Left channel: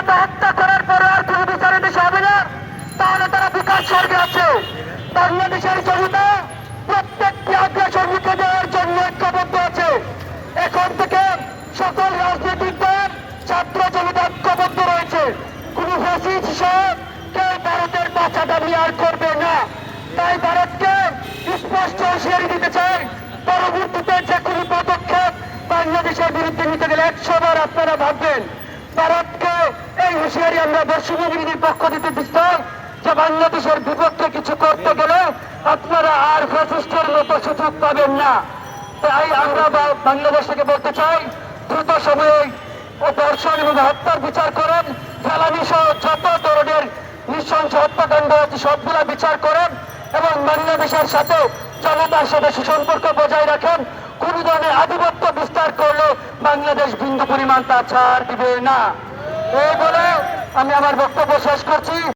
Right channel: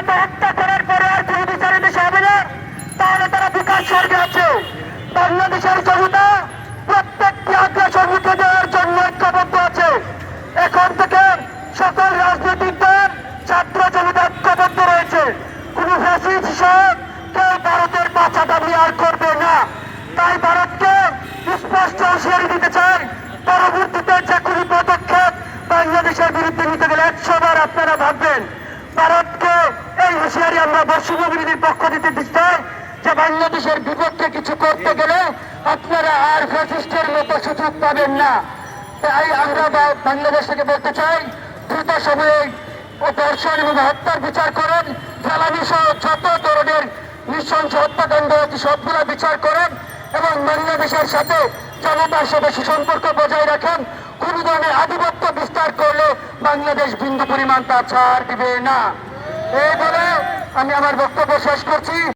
মতো হত্যা করার পরে আর কোনো বিচারের দেশে হবে না, তাহলে তারা বিকাশ স্বর্গে আছে। বাংলাদেশের জনতা প্রত্যেকটি আগ্রাসন রুখে দেওয়ার জন্য ঐক্যবদ্ধ আছে। এখন থেকে সকল রাজনৈতিক দল, ছাত্র জনতা ঐক্যবদ্ধ রয়েছে। কোন ফ্যাসিস্ট সহ কেউ ভারতের পাছা দাবি আর করবে না। তাই ভারতকে স্পষ্ট হুঁশিয়ারি দিতে চাই, পরবর্তীতে যে কোনো পদক্ষেপ বাংলাদেশের বিরুদ্ধে নিতে গেলে 100 বার আপনারা ভাববেন। ভারতকে এই হুঁশিয়ারি আমরা বৈষম্য বিরোধীর পক্ষ দিতে চাই যে বাংলাদেশের বিপক্ষে কিছু করতে গেলে আপনারা আর ফ্যাসিস্টের মতো সুযোগ পাবেন না। তাই আমরা বাংলাদেশ থেকে বলতে চাই, দ্রুত সময়ে ধর্ষণ এবং হত্যার বিচার করেন, জ্বালানি সহ যত ধরনের নৃশংস হত্যাকাণ্ড সবগুলা বিচার করেন এবং বাংলাদেশের সাথে জনতার সাথে সুসম্পর্ক বজায় রাখেন। কোন ধরনের আধিপত্য বিস্তার করলে বাংলাদেশ বিন্দু পরিমাণ তা ছাড় দিবে না। এই বলে আমি আমার বক্তব্য শেষ করছি।